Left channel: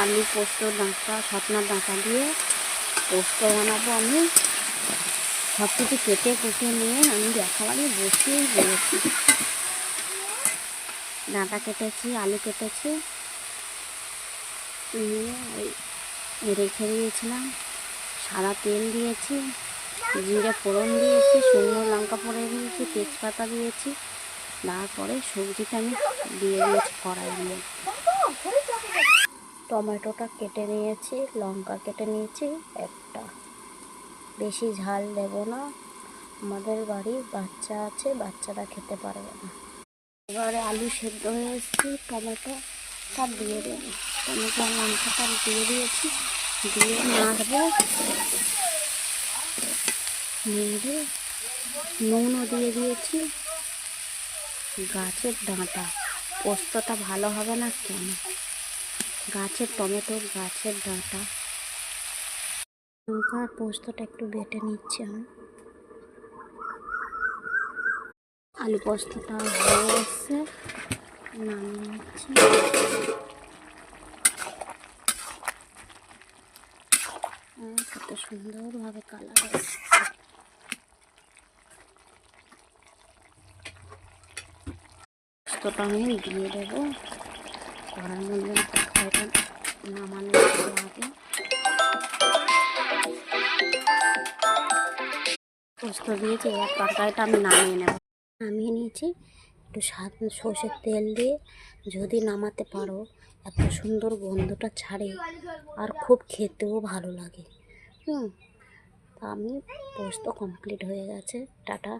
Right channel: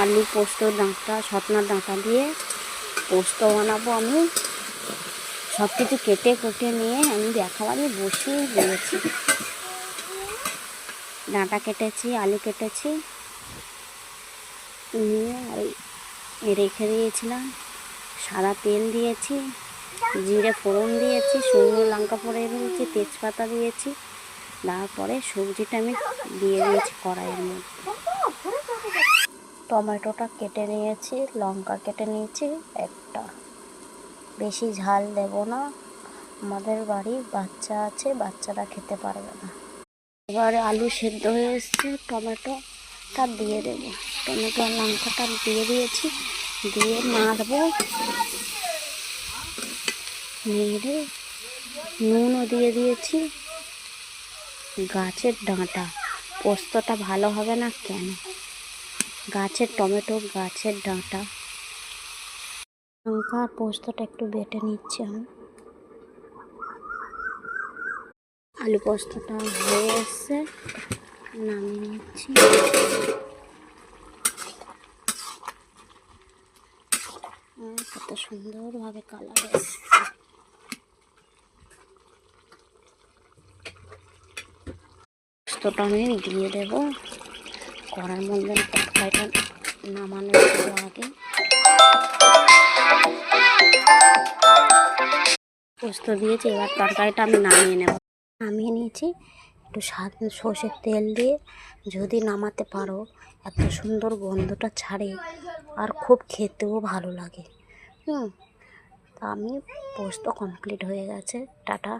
আলু পোস্ত ডাঁটা সজনার ডাঁটা দিয়ে পোস্ত বানাবো। আমি সব কিছু কেটে কুটে নিয়ে আমি একেবারে বসিয়ে দিয়েছি। ডাঁটা কেটেছি, আলু কেটেছি, নিয়ে রেখে দিয়েছিলাম। সাদা তেল দিয়েছি, জিরে ফোড়ন দিয়েছি, শুকনো লঙ্কা ফোড়ন দিয়েছি, তেজপাতা দিয়েছি। তারপরে সবজিটা আমি দিয়ে দিয়েছি কড়াইয়ের মধ্যে। টমেটোটা কেটে নিয়েছি, লঙ্কা কেটে নিয়েছি একটা। বেশি ঝাল দেব না, আমাদের বাড়ির বাচ্চা আছে, বাচ্চারা খেতে পারবে না। এবারে আলু সেদ্ধ হয়ে এসেছে, টমেটোটা দিয়ে দেবো। টমেটো আর লঙ্কাটা দিয়ে দিয়েছি, দিয়ে নাড়বো। নেড়ে নুনও দিয়ে দিয়েছি। গাছের ডাঁটা পোস্তটা ভালো হবে না কেন? গাছের টমেটো, গাছের ডাঁটা। লঙ্কা আর পোস্তটা একটু বেটে নিচ্ছি আমি। আলু পোস্তটা হয়ে এসছে, নামিয়ে নিচ্ছি। কত সুন্দরভাবে কালার এসছে। পোস্তটা আমি দিয়ে দেবো কড়ার মধ্যে। তরকারিটা নামানোর আগে পোস্ত দিয়েছি, এবার তরকারিটা আমি নামিয়ে নেব। নামিয়ে নিয়েছি, একটু সর্ষের তেল দিয়ে যদি নামাতে পারো, এত সুন্দর গন্ধটা ছাড়ে আর খুব খেতেও ভালো লাগে। তা আমি পোস্ত কমপ্লিট হয়ে গেছে। টাটা।